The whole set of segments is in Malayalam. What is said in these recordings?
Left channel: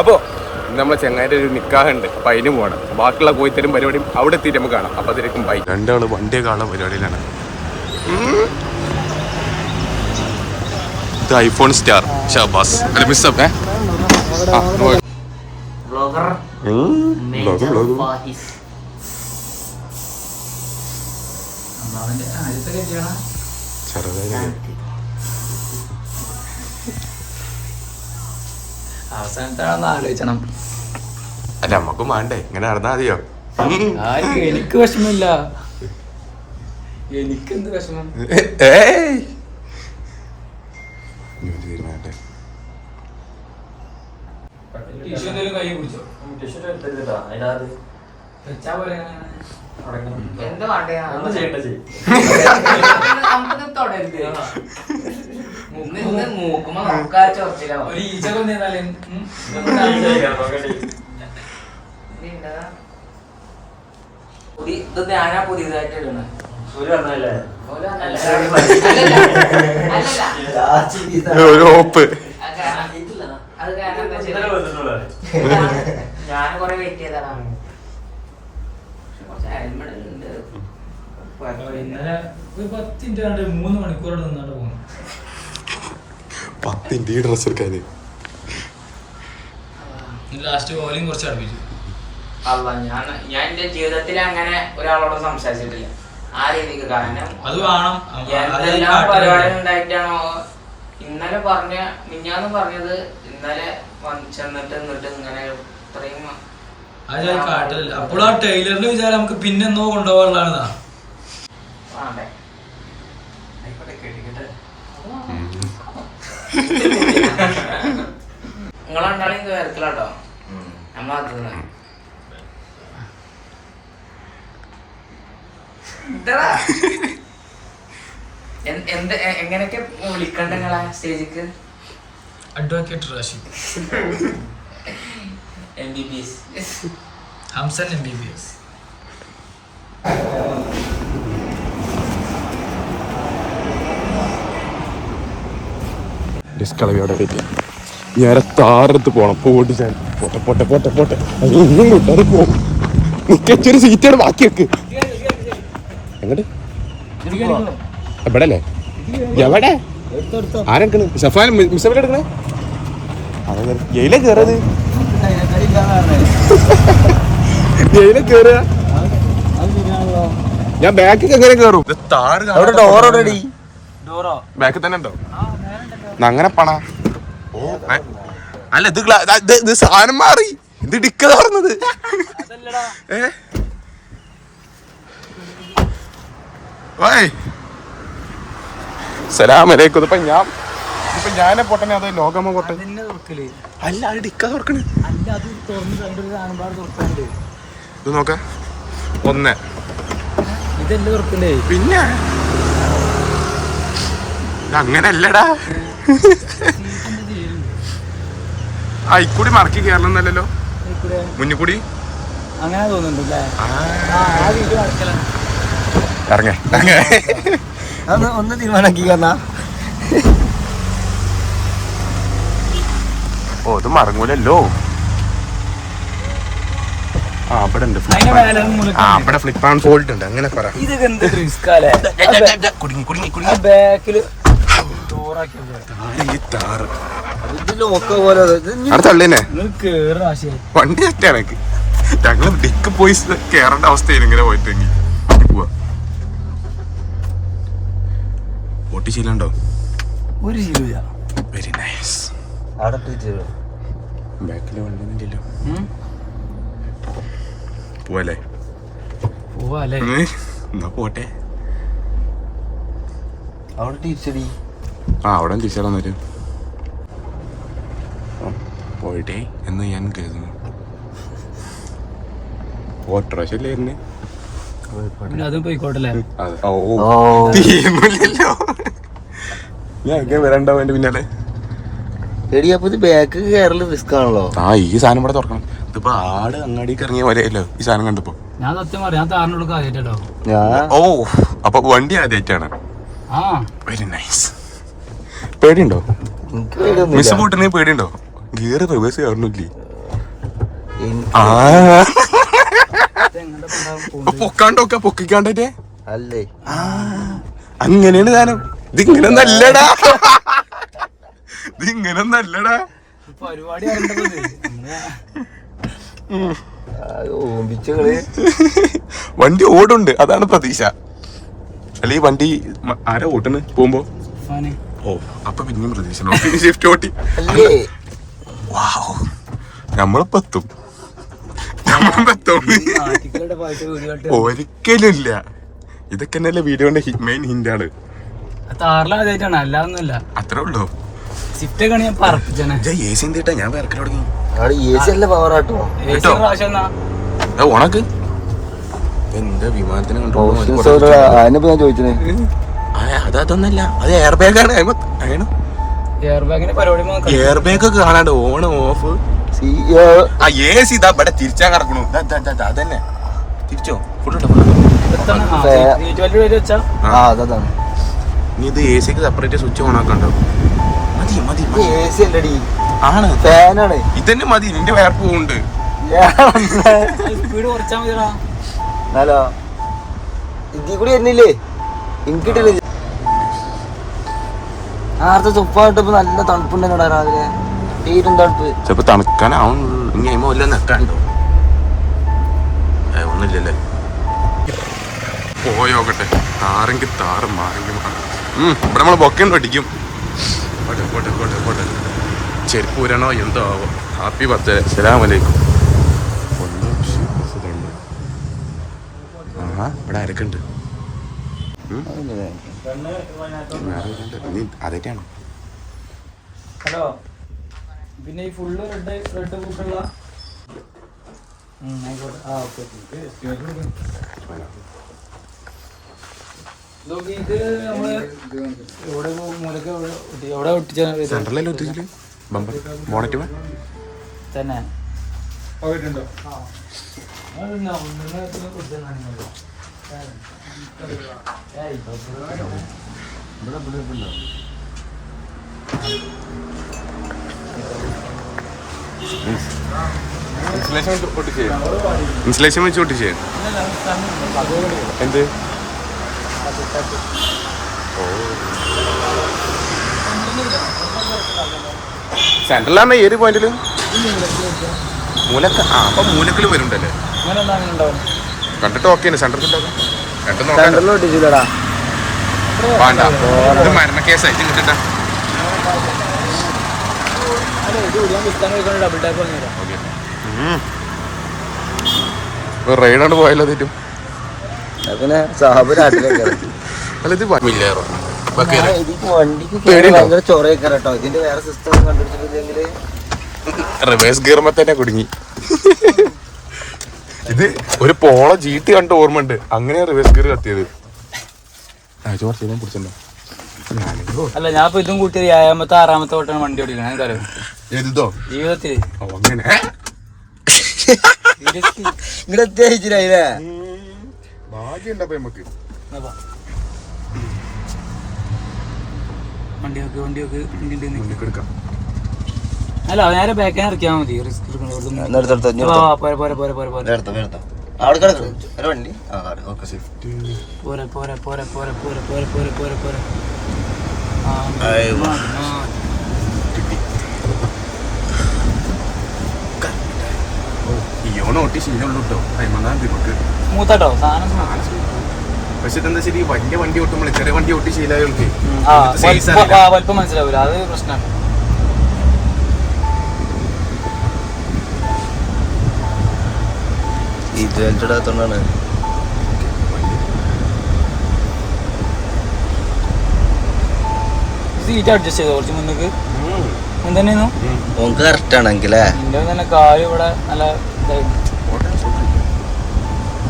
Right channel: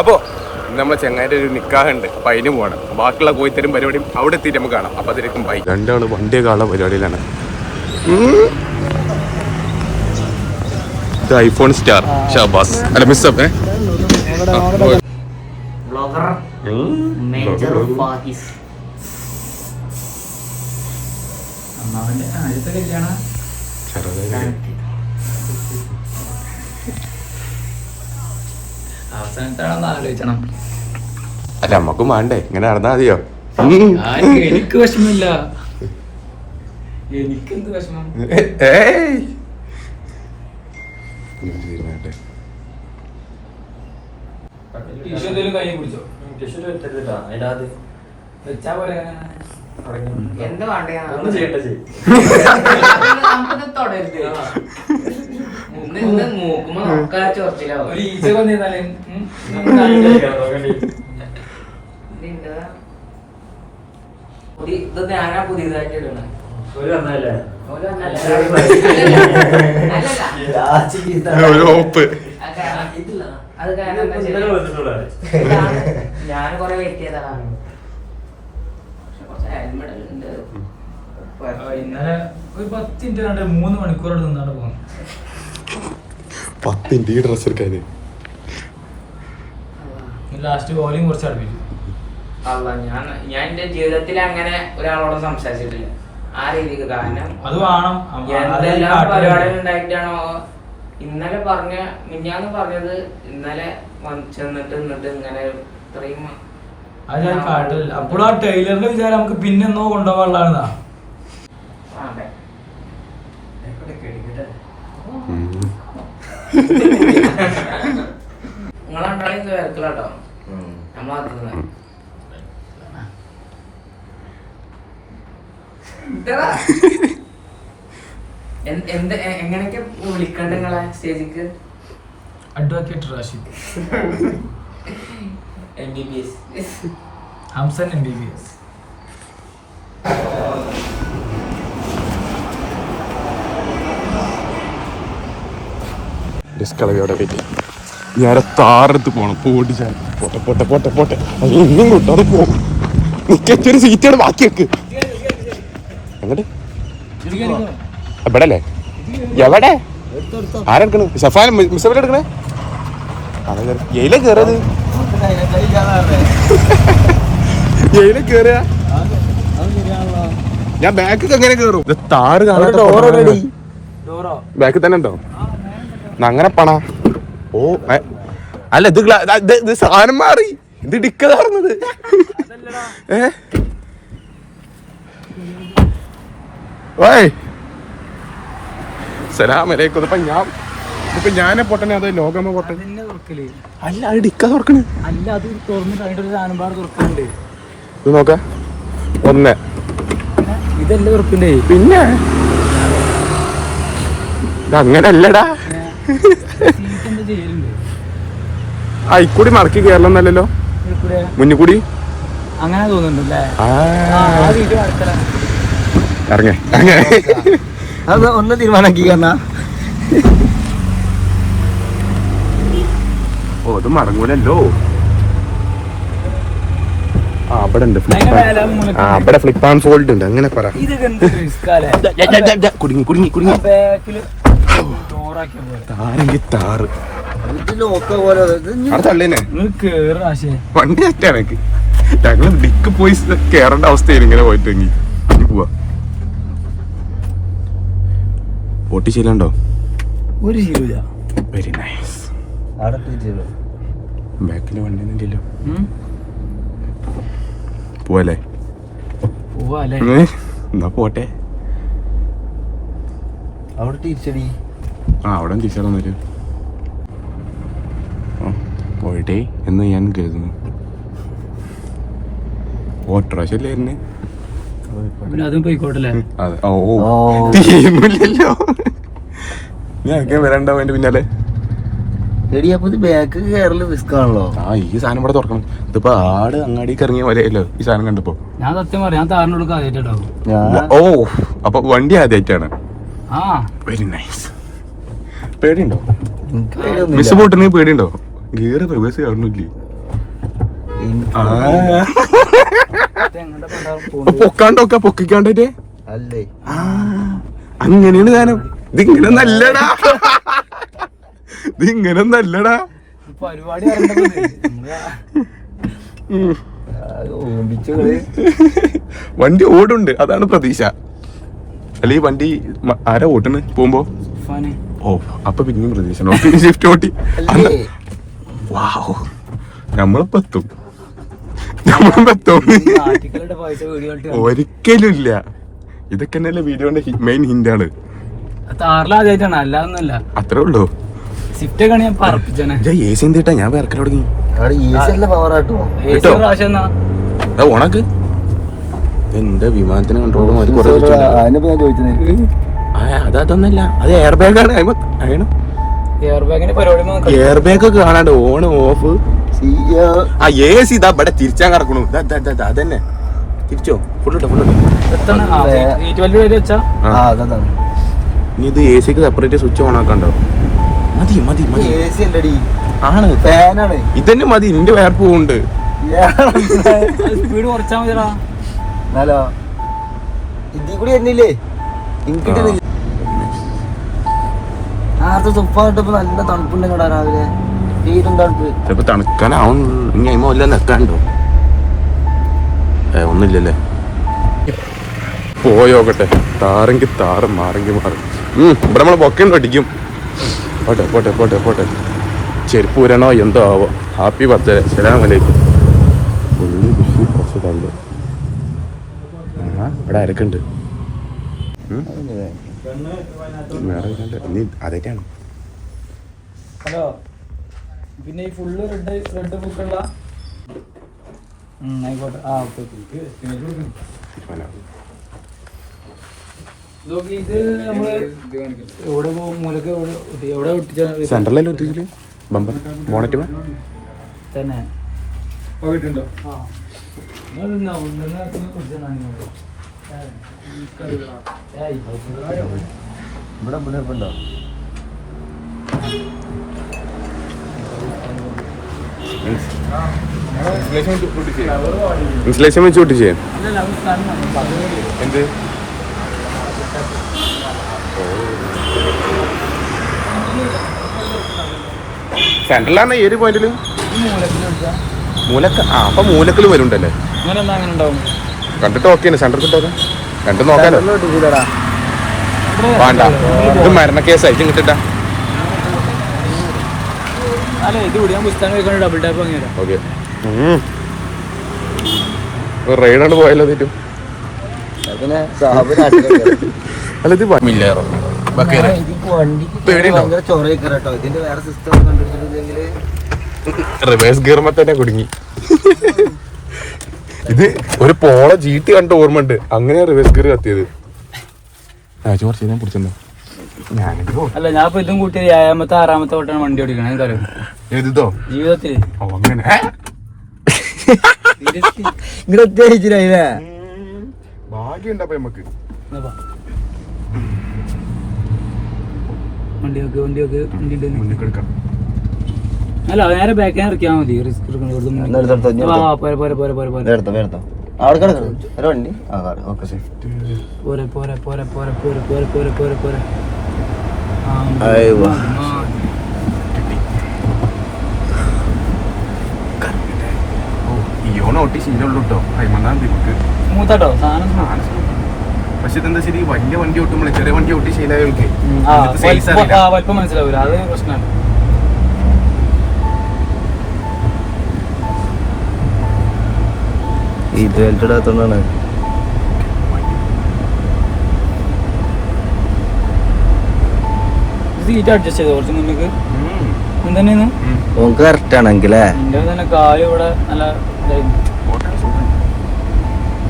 അപ്പോൾ നമ്മളെ ചെങ്ങായിട്ട് ഒരു നിക്കാഹുണ്ട്, അപ്പം അതിന് പോകണം. ബാക്കിയുള്ള കോയിത്തരും പരിപാടിയും അവിടെ എത്തിയിട്ട് നമുക്ക് കാണാം. അപ്പം അതിലേക്കും ബൈ. രണ്ടാണ് വണ്ടിയൊക്കെ ഉള്ള പരിപാടിയിലാണ്. ഇത് ഐഫോൺ സ്റ്റാർ ഷാബാസ് അല്ല മിസ്സപ്പ് അല്ല നമ്മക്കും വേണ്ടേ, ഇങ്ങനെ നടന്നാ മതിയോ? എനിക്ക് വിഷമില്ല, എനിക്കെന്ത് വിഷമം? ഒരു ഓപ്പ് ഞാൻ കൊറേ വെയിറ്റ് ചെയ്തതാണ്. 3 മണിക്കൂർ 10 മിനിറ്റ് ഡ്രസ് എടുക്കാന്. ലാസ്റ്റ് വോളിയം കുറച്ച് അടുപ്പിച്ചു. അല്ല ഞാൻ എന്റെ ജീവിതത്തിൽ അങ്ങനെ ഒരാളോട് സംസാരിച്ചിട്ടില്ല ആ രീതിക്ക്. കാരണം അത് വേണം, എന്തെല്ലാം പരിപാടി ഉണ്ടായിട്ടാണോ ഇന്നലെ മിഞ്ഞാന്ന് പറഞ്ഞത്, ഇന്നലെ ചെന്നിട്ട് ഇങ്ങനെ ഇത്രയും അത് ഞാൻ കാട്ടില്ല. അപ്പോഴും ആ ടൈലറിന്റെ വിചാരം നമുക്ക് പിന്നെന്നോ കൊണ്ടുപോകാനുള്ളതാ. നിങ്ങളെന്തായാലും ഇത് വരത്തില്ലാട്ടോ. എങ്ങനെയൊക്കെ വിളിക്കണ്ട നിങ്ങളെ സ്റ്റേജിക്ക്? Advocate Rashid, MBBS, Hamsan MBBS. ഞാൻ താറത്ത് പോണം. പോട്ടിച്ചാൽ പോട്ടെ പോട്ടെ പോട്ടെ പോട്ടെ. ഇന്നും കിട്ടാതെ പോകും. മിക്കൊരു സീറ്റാണ് ബാക്കി വെക്ക്. അങ്ങോട്ട് എവിടെ അല്ലേ? എവിടെ ആരെടുക്കണ? ഷഫാൻ മിസ്സബിൽ എടുക്കണേ? എയിലെ കേറത്? എയിലെ കേറുക? ഞാൻ ബാക്കിൽ എങ്ങനെ കയറും? ഇത് താറ് ബാക്കിൽ തന്നെ ഉണ്ടോ? അങ്ങനെ പണ. ഓ അല്ല, ഇത് സാധനം മാറി. ഇത് ഡിക്ക തുറന്നത്. സലാമലൈക്കും. ഇതിപ്പോ ഞാനെ പൊട്ടനെ അത് ലോകമ്മ പൊട്ടൻ? അല്ല, അത് ഡിക്ക തുറക്കണേ. ഇത് നോക്ക ഒന്ന് പിന്നെ ഇതങ്ങനല്ലടാ. ഇക്കൂടി മറക്കി കേരളന്നല്ലോ, മുന്നിക്കൂടി അങ്ങനെ തോന്നുന്നുണ്ടല്ലേ? ഇറങ്ങേ ഒന്ന് തീരുമാനാക്കി. ഓ ഇത് മടങ്ങൂലല്ലോ. അവിടെ ഉണ്ട് അവിടെ ഫ്ലിപ്പ് ആൻഡ് ഫോൾഡ് ഉണ്ട്. അങ്ങനെ കുടുങ്ങി കുടുങ്ങി കുടുങ്ങി താറ് തള്ളേനെ വണ്ടി അറ്റാണ്. ഞങ്ങള് ഡിക്ക് പോയി കേറേണ്ട അവസ്ഥയിൽ ഇങ്ങനെ പോയിട്ടെങ്കിൽ ഇനി പോവാ. ഓട്ടി ചെയ്യലുണ്ടോ? ഒരു ശീലമില്ല. Very nice. ബാക്കില് വണ്ടി പോവല്ലേ? എന്നാ പോട്ടെ. അവിടെ തിരിച്ചടി. അവിടെ തിരിച്ചടാൻ വരും എന്ന് ഞാൻ കരുതുന്നു. അതും പോയിക്കോട്ടല്ലേ? ഈ സാധനം ഇവിടെ തുറക്കണം. ഇതിപ്പോ ആട് അങ്ങാടിക്ക് ഇറങ്ങിയ പോലെയല്ലോ ഈ സാധനം കണ്ടപ്പോ. ഞാൻ സത്യം പറയാം, ഓ അപ്പൊ വണ്ടി ആദ്യമായിട്ടാണ്. Very nice. പേടിയുണ്ടോ? മിസ് പോട്ടെങ്കിൽ പേടിയുണ്ടോ? ഗിയർ റിവേഴ്സ് കാണുന്നില്ലേ? പൊക്കാണ്ടൊക്കെ പൊക്കിക്കാണ്ടേ അല്ലേ അങ്ങനെയാണ് സാധനം. ഇതിങ്ങനെ നല്ലടാ, ഇതിങ്ങനെ നല്ലടാ. പരിപാടി വണ്ടി ഓടുണ്ട്, അതാണ് പ്രതീക്ഷ. അല്ലെ ഈ വണ്ടി ആരാ ഓട്ടുന്നു പോകുമ്പോ? ഓ അപ്പൊ പിന്നെയും പ്രതീക്ഷ ഷിഫ്റ്റ് ഓട്ടി. വാവ്, നമ്മളിപ്പെത്തും. ഒരിക്കലും ഇല്ല. ഇതൊക്കെ തന്നെയല്ലേ വീഡിയോന്റെ മെയിൻ ഹിന്റാണ്. അത്രേ ഉള്ളൂ. AC എന്തിട്ടാ ഞാൻ വേർക്കാൻ തുടങ്ങി കേട്ടോ. ഓണക്ക് എന്റെ വിമാനത്തിന് കൺട്രോൾ അതൊന്നല്ല, അത് എയർ ബാഗാണ്. എയർ ബാഗ് ഒക്കെ കാണാണ്ട് ഓൺ ഓഫ്. ആ AC ഇതാ ഇവിടെ തിരിച്ചാൻ കിടക്കണു. അതന്നെ തിരിച്ചോ, ഫുള്ളിട്ടോ. നീ ഇത് AC ക്ക് സെപ്പറേറ്റ് സ്വിച്ച് ഓൺ ആക്കണ്ടോ? മതി മതി മതി ആണ്, ഇതന്നെ മതി. നിന്റെ വേർപ്പ് പോകുന്നുണ്ട്. ചിലപ്പോ തണുക്കാനാവും. ഇനി അയിമ വല്ല നെക്കാണ്ടോ? ഒന്നുമില്ലല്ലേ. പോയോക്കട്ടെ, താറെങ്കിൽ താറും മാറെങ്കിൽ മാറും. ഇവിടെ നമ്മളെ ബൊക്കേണ്ട അടിക്കും. പോട്ടെ പോട്ടെ പോട്ടെ പോട്ടെ. ചെരുപ്പ് ഊരണോ എന്തോ ആവോ. ഹാപ്പി ബർത്ത്ഡേ, അസ്സലാമലൈക്കും. ഫുള്ള് ബിഷി ബസ്സുണ്ട്. ഇവിടെ ആരൊക്കെയുണ്ട്? നീ അതൊക്കെയാണ്. ഹലോ, പിന്നെ ഈ ഫുള്ള് റെഡ് ബുക്കുള്ള ആയിക്കോട്ടെ. ഇത് നമ്മള് എവിടെ മൂലക്ക് എവിടെ ഒട്ടിച്ച സെൻട്രലല്ലേ ഒട്ടിച്ചില്ലേ? ബമ്പർ ബോണറ്റ് തന്നെ ഇൻസുലേഷൻ വെച്ച് ഒട്ടിച്ചേ. എന്ത് സെൻട്രലാണ് ഏത് പോയിന്റില്? മൂലക്ക. അപ്പൊ മൂലക്കല് വരുന്നുണ്ടല്ലേ? കണ്ടിട്ട് ഓക്കെയാണ്. സെന്റർ കിട്ടാം, രണ്ടും നോക്കാലോ. വേണ്ട, ഇത് മരണ കേസായിട്ട് കിട്ടട്ടാ. ഓക്കെ, റൈഡാണ് പോയല്ലോ. തെറ്റും അല്ല, ഇത് മില്ലേറോ റിവേഴ്സ് ഗിയർമ തന്നെ കുടുങ്ങി. ഇത് ഒരു പോള ജീത്ത് കണ്ട ഓർമ്മ ഉണ്ട്. അങ്ങനെ റിവേഴ്സ് ഗിയർ കത്തിയത്. അല്ല, ഞാൻ ഇപ്പൊ ഇതും കൂട്ടി 7ാമത്തെ 6ാമത്തെ തൊട്ടാണ് വണ്ടി ഓടിക്കുന്നത്. എഴുതോ ജീവിതത്തില് അങ്ങനെ ഭാഗ്യണ്ടപ്പ നമുക്ക്. അല്ല, നേരെ ബാക്കിൽ ഇറക്കിയാൽ മതി. റിസ്ക് മൂത്തട്ടോ സാധനം. പക്ഷെ ഇതെന്താ ശരി, വലിയ വണ്ടി ഓട്ടുമ്പോൾ ചെറിയ വണ്ടി ഓട്ടി ശീലമായിട്ട് വലിപ്പം മനസ്സിലാവൂല. അത് പ്രശ്നമാണ്. സീറ്റ് അഡ്ജസ്റ്റ് ചെയ്തോ കുറച്ച് മുന്നേക്ക്. തന്നെയായിരുന്നു കറക്റ്റ് ആണെങ്കിൽ കാല് ഇവിടെ നല്ല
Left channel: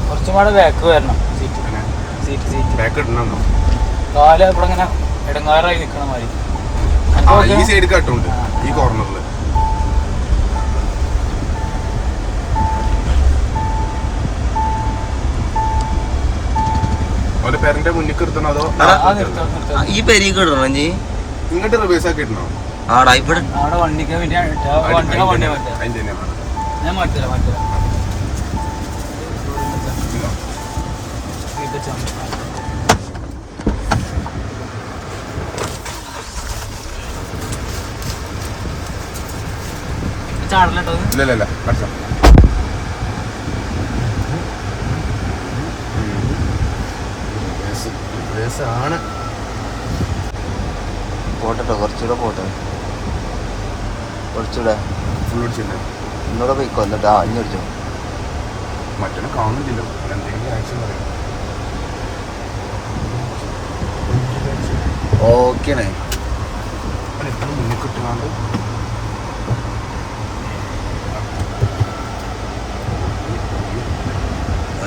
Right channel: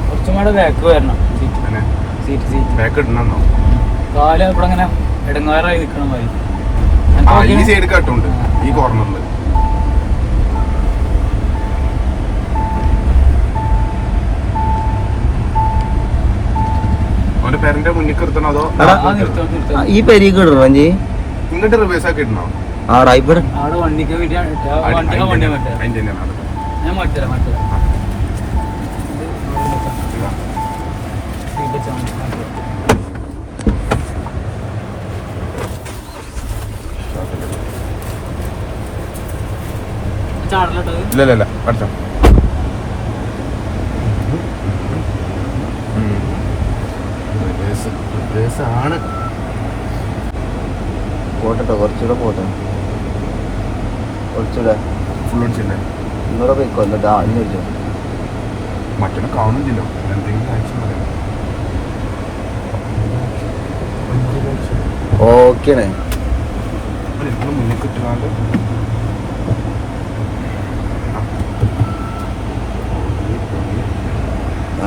കുറച്ചും കൂടെ ബാക്ക് വരണം. സീറ്റ് കാല് ഇവിടെ അങ്ങനെ ഇടങ്ങാറായി നിൽക്കണ പോലെ. ഈ സൈഡ് കട്ടുണ്ട് ഈ കോർണറിൽ. പേരന്റെ മുന്നിൽ നിർത്തണോ അതോ ഈ പെരീക്ക് ഇടണോ? ഇങ്ങോട്ട് റിവേഴ്സ് ആക്കി ഇടണോ? അവിടെ വണ്ടിക്ക് വേണ്ടി ഞാൻ മാറ്റില്ല ചാടല്ലോ. ഇല്ല പഠിച്ചോ. ആണ് പോട്ടെ കുറച്ചുകൂടെ പോട്ടെ കുറച്ചുകൂടെ ഫുൾ അടിച്ചില്ല. ഇന്നൂടെ പോയിക്കോ. എന്നിട്ട് അഞ്ഞു വിളിച്ചോ. മറ്റൊരു കാണുന്നില്ലല്ലോ. എന്തെങ്കിലും ആക്ഷൻ പറയാം. ഓക്കേണേ. മുന്നിൽ കിട്ടുകാണ്ട്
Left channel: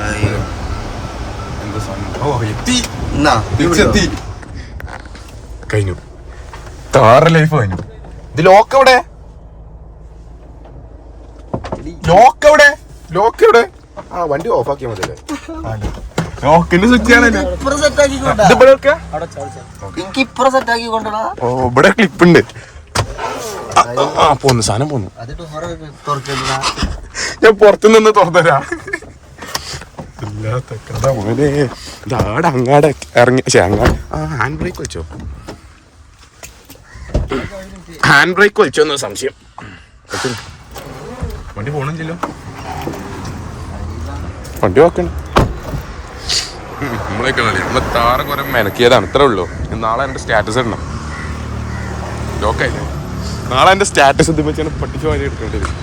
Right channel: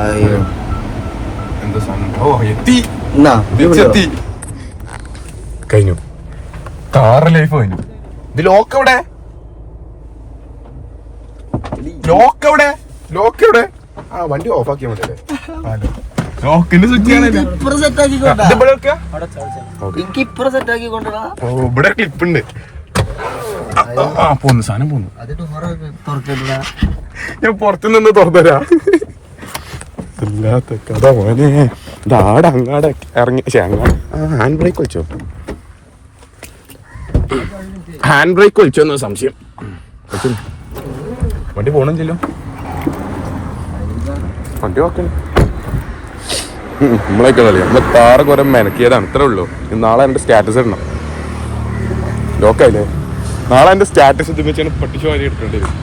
അയ്യോ എന്താ സമയം. ഓ എത്തി എന്നാ എത്തി. കഴിഞ്ഞു. താറ് ലൈഫ് കഴിഞ്ഞു. ഇത് ലോക്ക് എവിടെ? ലോക്ക് എവിടെ? ആ വണ്ടി ഓഫ് ആക്കിയാൽ മതിയല്ലേ? ലോക്കിന്റെ സ്വിച്ചാണല്ലേ. എനിക്ക് ഇപ്പറ സെറ്റ് ആക്കി കൊണ്ടുപോടാ. ഓ ഇവിടെ ക്ലിപ്പ് ഉണ്ട്. പോന്നു സാധനം പോന്നു. ഞാൻ പുറത്തു നിന്ന് തുറന്നുതരാ. ഇല്ലാത്ത കഥ ഇതാടെ അങ്ങാടെ ഇറങ്ങി. ഹാൻഡ് ബ്രേക്ക് വെച്ചോ? ഹാൻഡ് ബ്രേക്ക് വലിച്ചോന്ന് സംശയം. വണ്ടി പോണം ചെല്ലും. വണ്ടി നോക്കണം. നമ്മളൊക്കെ കളിയാ. നമ്മളെ താറ് കുറെ മെനക്കിയതാണ്. ഇത്രേ ഉള്ളൂ. നാളെ എൻ്റെ സ്റ്റാറ്റസ് ഇടണം. ലോക്കായില്ലോ. നാളെ എൻ്റെ സ്റ്റാറ്റസ് ഇത് വെച്ചാണ് പട്ടിക്ക് വാരി എടുക്കേണ്ടി വരും.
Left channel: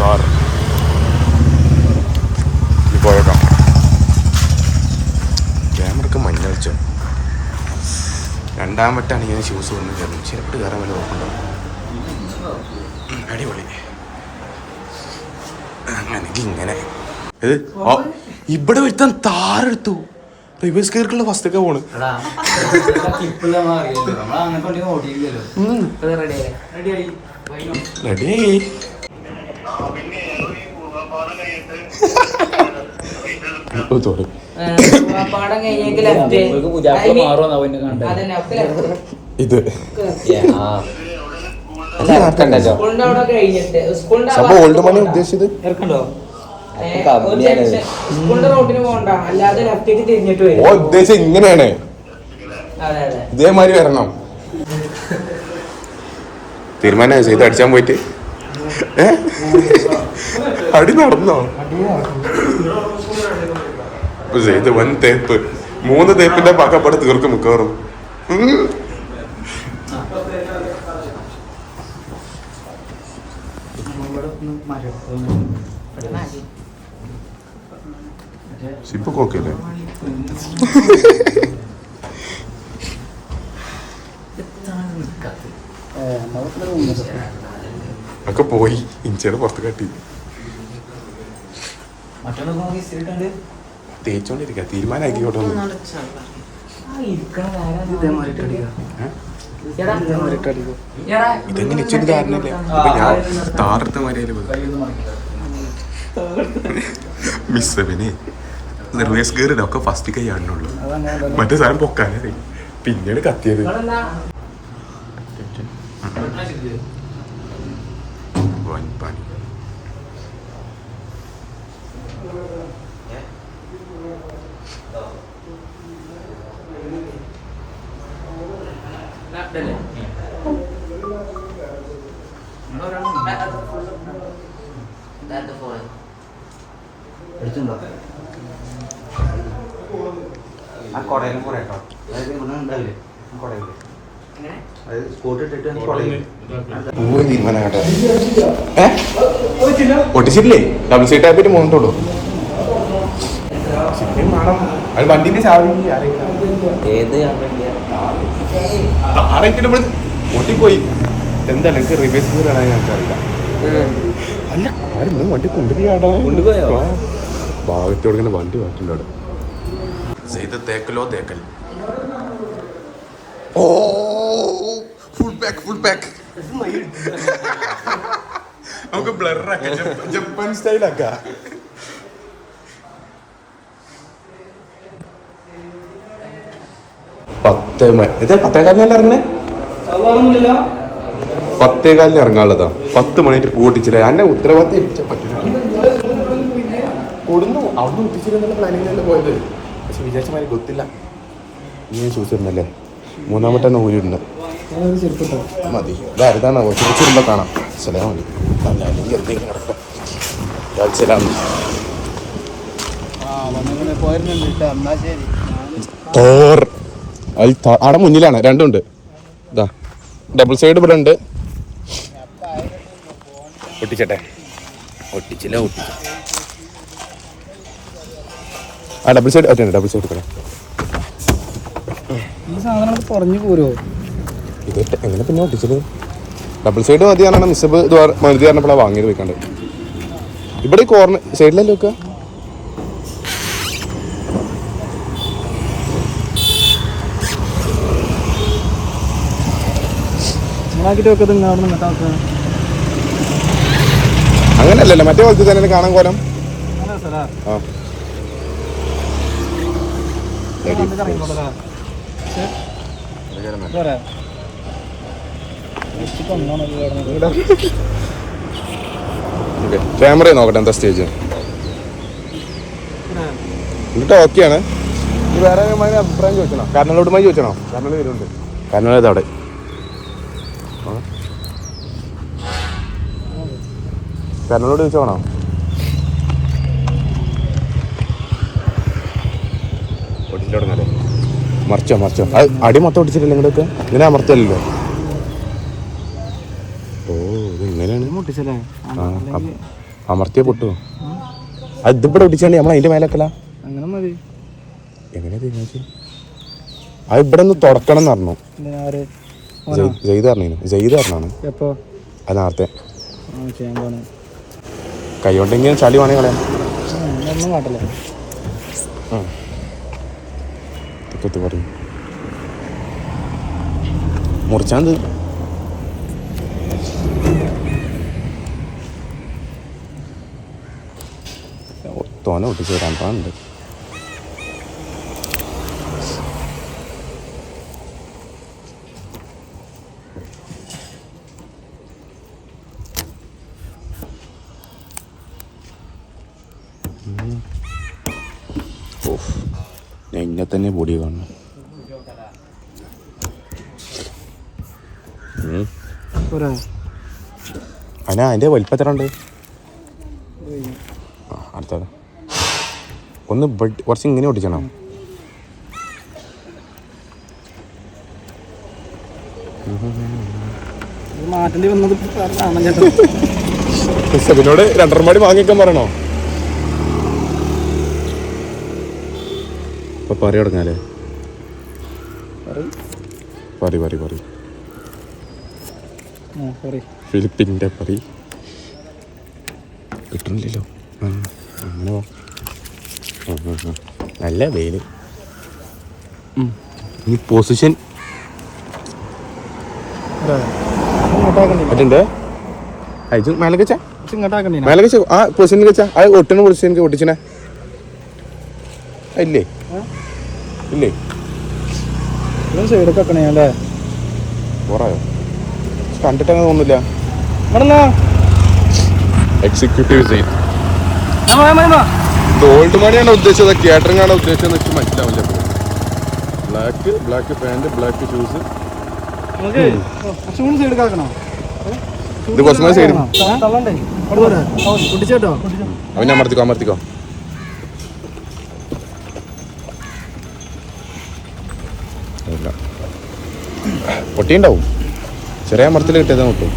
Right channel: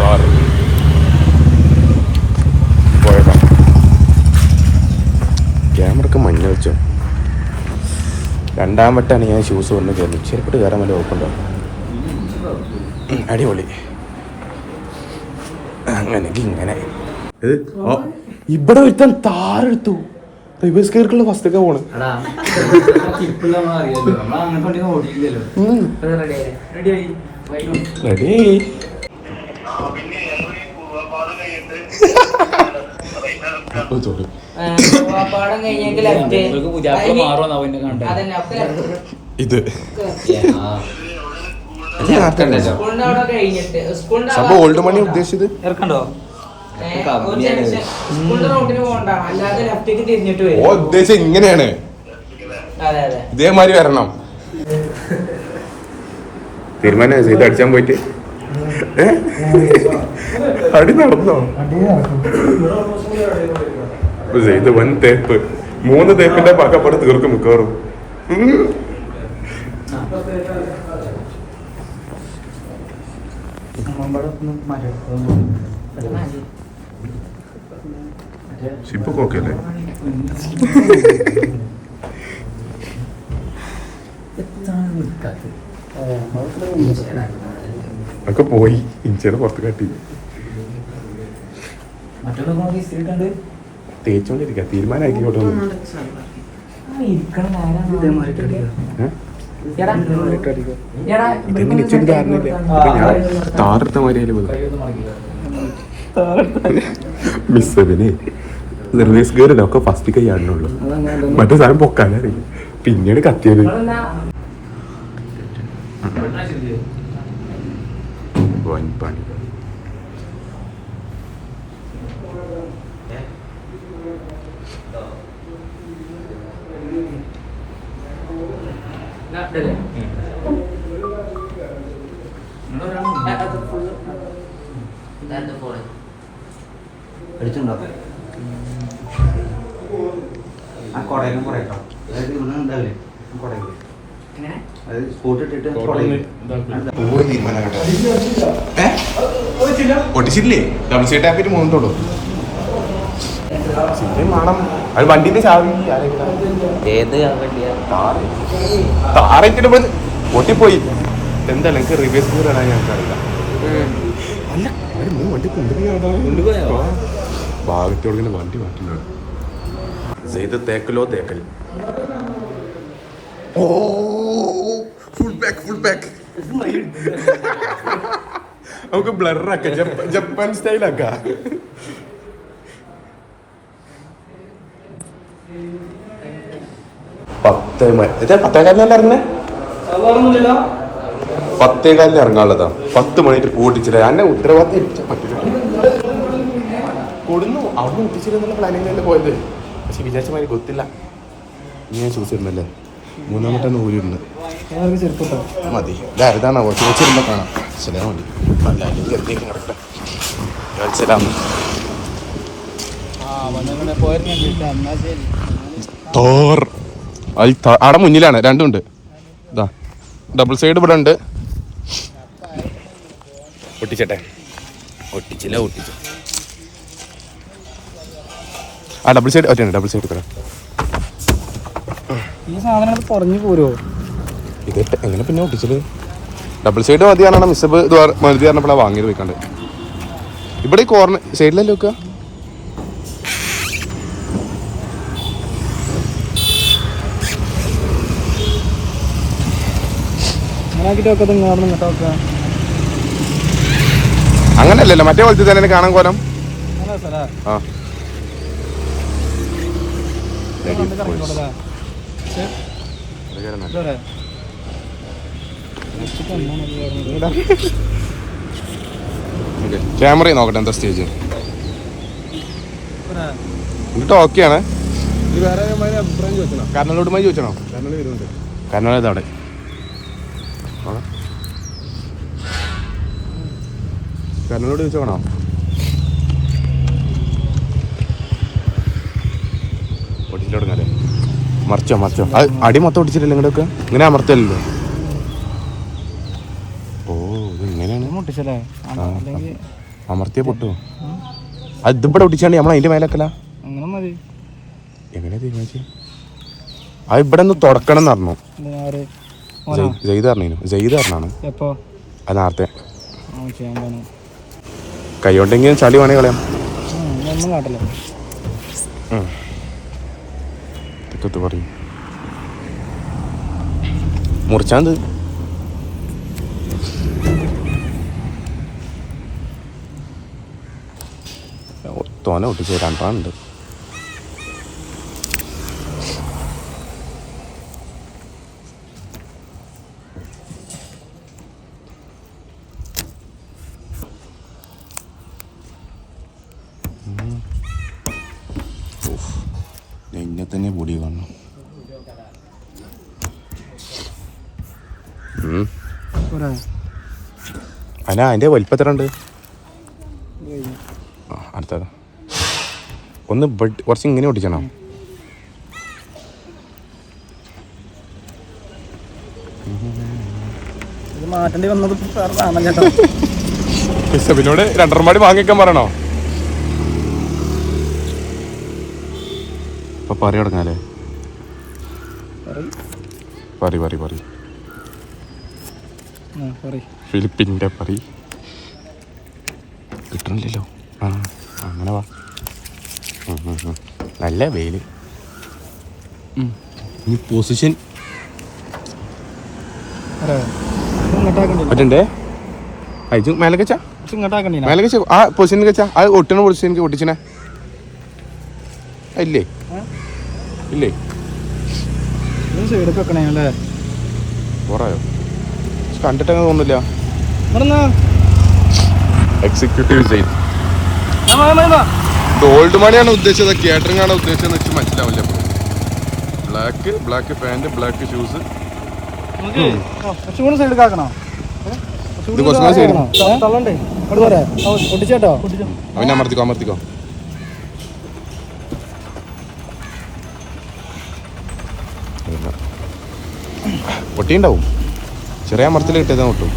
താറ് പോയേക്കാം. ക്യാമറക്ക് മഞ്ഞ വെച്ചോ. രണ്ടാം വട്ടാണ് ഞാൻ ഷൂസ് കൊണ്ട് കയറുന്നത്. ചെരുപ്പിട്ട് കയറാൻ വല്ല ഓപ്പുണ്ടോ? അടിപൊളി. അങ്ങനെങ്കിൽ ഇങ്ങനെ ഇത് ഇവിടെ ഒരുത്താൻ താറെടുത്തു. റിവേഴ്സ് കയറിക്കുള്ള ഫസ്റ്റൊക്കെ പോണ്. റെഡി. ഇത് സംഭവം ഓൾഡ് മണി ഉദ്ദേശിച്ചത് ഉദ്ദേശം ഇങ്ങനെയാണ്. ഇതേമാതിരി വരണം. തീരുമാനം ചെയ്ത് അടിച്ചാൻ പോയിട്ട് അടി നടന്നോ? ഇത് വൻ തേപ്പ്. 3 തേപ്പിന്റെ പക്കപ്പടി തീർക്കും മിക്കവാറും. സിപ്പൊക്കെ ഓക്കെ അല്ലേ? ഒക്കെ പോയി. ഇഞ്ചയുടെ പുറത്ത് കാട്ടി തേച്ചോണ്ടിരിക്ക. തീരുമാനമാക്കിക്കോട്ടെ. ഇതെങ്ങനെ ഇച്ചൊരു ധാരണയില്ല. അപ്പൊ ഞാൻ താറെടുത്ത മാതിരി മിസ്സവിനെ റിവേഴ്സ് ഗിയറില്ല. ഒക്കെ ഫസ്റ്റ് കൈ ആടുന്നുള്ളൂ. മറ്റേ സാധനം പൊക്കാനേ പിന്നീട് കത്തിയത്. പണി ഒട്ടിച്ചിട്ടില്ലേ? ഡബിൾ സീറ്റ് ആയിട്ട് മൂന്നിട്ടുള്ളൂ. അത് വണ്ടിന്റെ താറേറ്റിട്ട് പൊട്ടിപ്പോയി. എന്താ എനിക്ക് റിവേഴ്സ് ഗിയർ ഇടാൻ ഞങ്ങൾക്ക് അറിയില്ല. അല്ല ആരും വണ്ടി കൊണ്ടുപോയി ഭാഗത്തോടെ ഇങ്ങനെ വണ്ടി മാറ്റുന്നുണ്ട്. ഇത് തേക്കലോ തേക്കൽ. ഓ ഫുൾ ബാക്ക് നമുക്ക് ബ്ലറാക്കാം. ജപ്പാൻ സ്റ്റൈലാക്കാം. പത്താം കാലം ഇറങ്ങുന്നത് 10:15 ഇറങ്ങാനുള്ളതാ. 10 മണിയായിട്ട് പൂട്ടിച്ചില്ല. എന്നെ ഉത്തരവാദിത്തം കൊടുന്നു അവിടെ ഒട്ടിച്ചിരുന്നുള്ള പ്ലാനിങ്ങിലല്ലേ പോയത്. പക്ഷെ വിചാരിച്ച മാതിരി ಗೊತ್ತಿಲ್ಲ. നീ ചോദിച്ചിരുന്നല്ലേ 3-ാമത്തെ ഊരുണ്ട് മതി. ഇതാണോ ചോദിച്ചിരുമ്പോ കാണാം. സലാം മതി. അല്ല അല്ലെങ്കിൽ എന്തെങ്കിലും കിടക്കട്ടെ. സലാം തോർ അവിടെ മുന്നിലാണ്. രണ്ടുണ്ട്. ഇതാ ഡബിൾ സൈഡ് ഇവിടെ ഉണ്ട്. ഒട്ടിച്ചട്ടെ. ഒട്ടിച്ചില്ല. ആ ഡബിൾ സൈഡ് ഒറ്റ ഡബിൾ സൈഡ് തരാം. ഈ സാധനങ്ങൾ പറഞ്ഞു പോരോ ഇത് എങ്ങനെ പിന്നെ ഒട്ടിച്ചത്? ഡബിൾ സൈഡ് മതി പറഞ്ഞാൽ മിസ്സബ് മരുതി പറഞ്ഞപ്പോഴാണ് വാങ്ങിയത് പോയിക്കാണ്ട്. ഇവിടെ ഈ കോർണർ സൈഡിലല്ലേ വെക്കുക? അങ്ങനല്ലല്ലോ മറ്റേ പോലത്തെ തന്നെ കാണാൻ കോലം. ആ ക്യാമറ നോക്കട്ടെ എന്താ സ്റ്റേജ്. എന്നിട്ട് ഓക്കെയാണ്. ഇത് വേറെ അഭിപ്രായം ചോദിക്കണോ? കാരണങ്ങളോടുമായി ചോദിച്ചണോ? കാരണം വരുന്നുണ്ട്. കാരണം ഇതവിടെ കാരണങ്ങളോട് ചോദിച്ചോണോ? ഒട്ടിച്ചിട്ടോടങ്ങല്ലേ? മറിച്ചോ അത് അടി മൊത്തം ഒട്ടിച്ചിട്ടില്ല. ഇങ്ങോട്ടൊക്കെ ഇങ്ങനെ അമർത്തല്ലോ. ഓ ഇത് ഇങ്ങനെയാണ്. അമർത്തിയ പൊട്ടുമോ? അത് ഇതിവിടെ ഒട്ടിച്ചാണ്ട് നമ്മൾ അതിന്റെ മേലൊക്കെല്ല എങ്ങനെ തീരുമാനിച്ചു? അത് ഇവിടെ ഒന്ന് തുടക്കണം എന്ന് പറഞ്ഞു. ജയ്ത് പറഞ്ഞാണ് അത് നേരത്തെ. കൈ കൊണ്ടെങ്കിലും ചളി വേണേ കളയാം. പറയും മുറിച്ചാന്ത് തോനെ ഒട്ടിച്ച് രണ്ടാണ്ട്. എന്നെ തന്നെ പൊടി കാണണം. അല്ല അതിന്റെ വലിപ്പത്തിലുണ്ട്. അടുത്ത ഒന്ന് കുറച്ച് ഇങ്ങനെ ഒട്ടിച്ചണോ? പിന്നോട് 2.5 മാടി വാങ്ങിക്കാൻ പറയണോ? ഇപ്പൊ പറ തുടങ്ങാലേ. പറ ഫിലിപ്പിൻ്റെ പറി കിട്ടണില്ലല്ലോ. ആ അങ്ങനെ വാ. നല്ല വെയില്. ഈ പൊസിഷൻ മറ്റേ അയച്ചു മേലൊക്കെ മേലൊക്കെ ആ പൊസിഷൻ വെച്ചാ അത് ഒട്ടണ പൊസിഷൻ ഒട്ടിച്ചനെ ഇല്ലേ? പോറായോ? കണ്ടിട്ടങ്ങനെ തോന്നില്ല. എക്സിക്യൂട്ടീവ് സൈറ്റ് ഇത് ഓൾഡ് മണിയാണോ ഉദ്ദേശിച്ചത് കാറ്ററിംഗ് ആണോ ഉദ്ദേശിച്ചതെന്ന് വെച്ചാൽ മനസ്സിലാവില്ല. Black pant, black shoes. ഇത് കുറച്ചുകൂടെ സൈഡ് അവനെ അമർത്തിക്കോ. പൊട്ടിയുണ്ടാവും. ചെറിയ അമർത്തിൽ കിട്ടിയതാ കിട്ടും.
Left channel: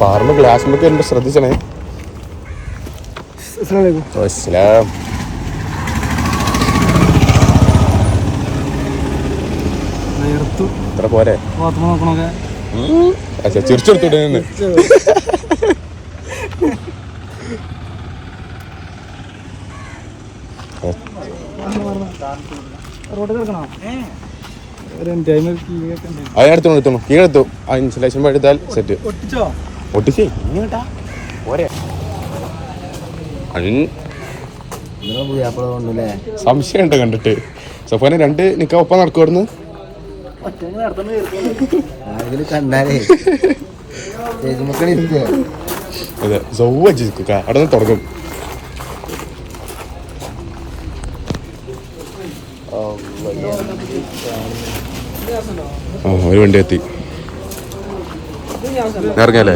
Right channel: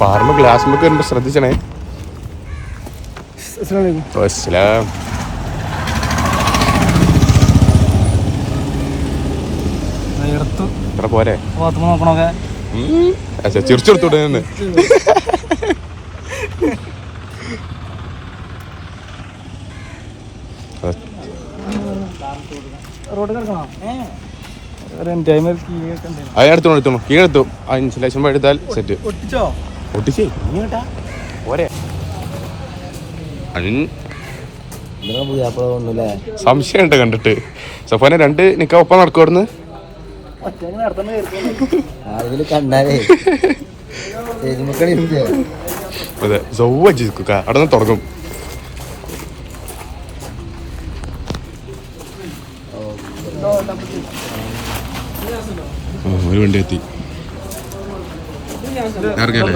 പാറിന് ഗ്ലാസ്സിലൊക്കെ വരുമ്പോ ശ്രദ്ധിച്ചണേ. ഇത്ര പോരെ? ചിരിച്ചെടുത്തൂടെ? അതിനടുത്തു കീഴെടുത്തു. ആ ഇൻസുലേഷൻ എടുത്താൽ സെറ്റ്. ഒട്ടിച്ചേ ഇങ്ങോട്ടാ പോരെ? സംശയമുണ്ട് കണ്ടിട്ട്. സഫാനെ 2 നിക്ക ഒപ്പം നടക്കുവായിരുന്നു. അതില് കണ്ടാലേ ചേച്ചിമക്കളി അതെ സൗവജിക്കുക അവിടെ നിന്ന് തുടങ്ങും. ഒരു വണ്ടി എത്തി ഇറങ്ങിയല്ലേ?